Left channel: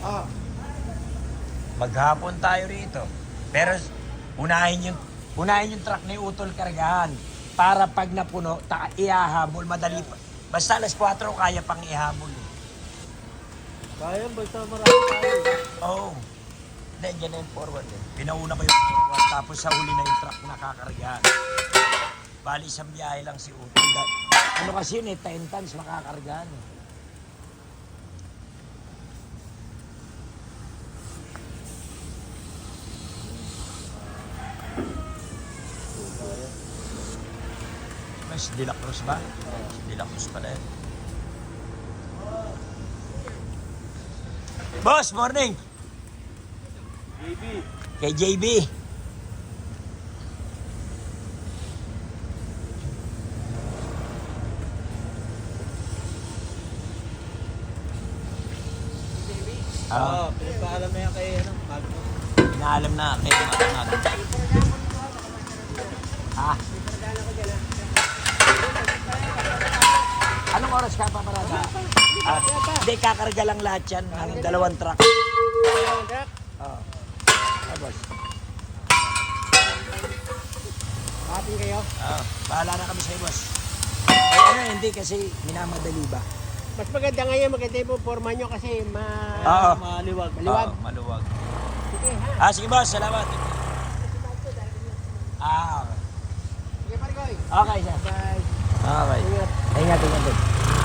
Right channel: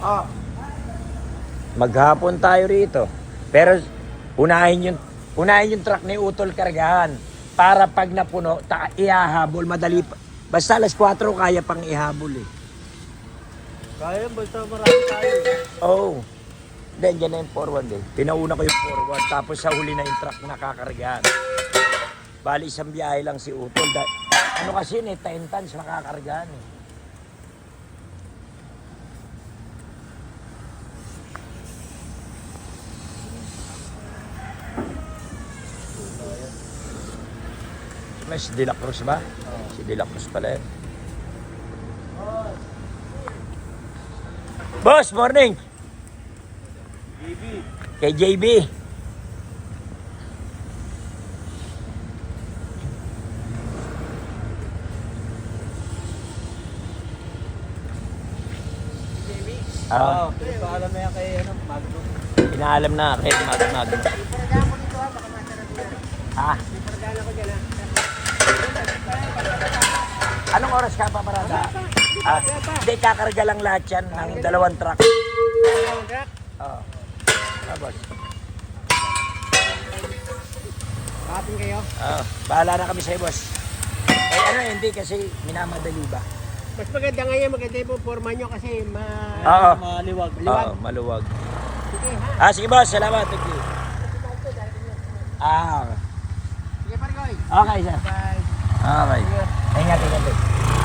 Oh. Maghapon tayo rito. Pero unahin yung truck ni Utol kargahan para pag napuno, ihahabol madali pa. Basta alas 4 kaya pang ihabol eh. Kaya basta marami tayo. Oh. Then yan na yung forward eh. Pinauna ko yung forward tapos sa huli na yung truck na kakargahan. Bali isang biyahe lang si Utol. Ano kasi yun eh, 10 tons makakargahan eh. Si De La Cruz ba? Si De La Cruz pala eh. Boss, morning! JB. Kay JB. Ah, Paalam na yan kay inaalam na kay Mag. Ah. Anong oras ka pa parada? Hindi, kakarga lang lahat yan ng 2 truck. Oo. Boss. Atin kayo? Bahala na kami sa'yo, boss. Eh, ano, hindi kasi minamadali ba? Mas maganda ngayon, maganda yung forma nyo kasi Oo. maliwag. Oo, maluwag. Sige ha. Sige, boss. Salamat. Thank you. Sige Parigoy. Okay, sir. Bye. Okay. Ingat.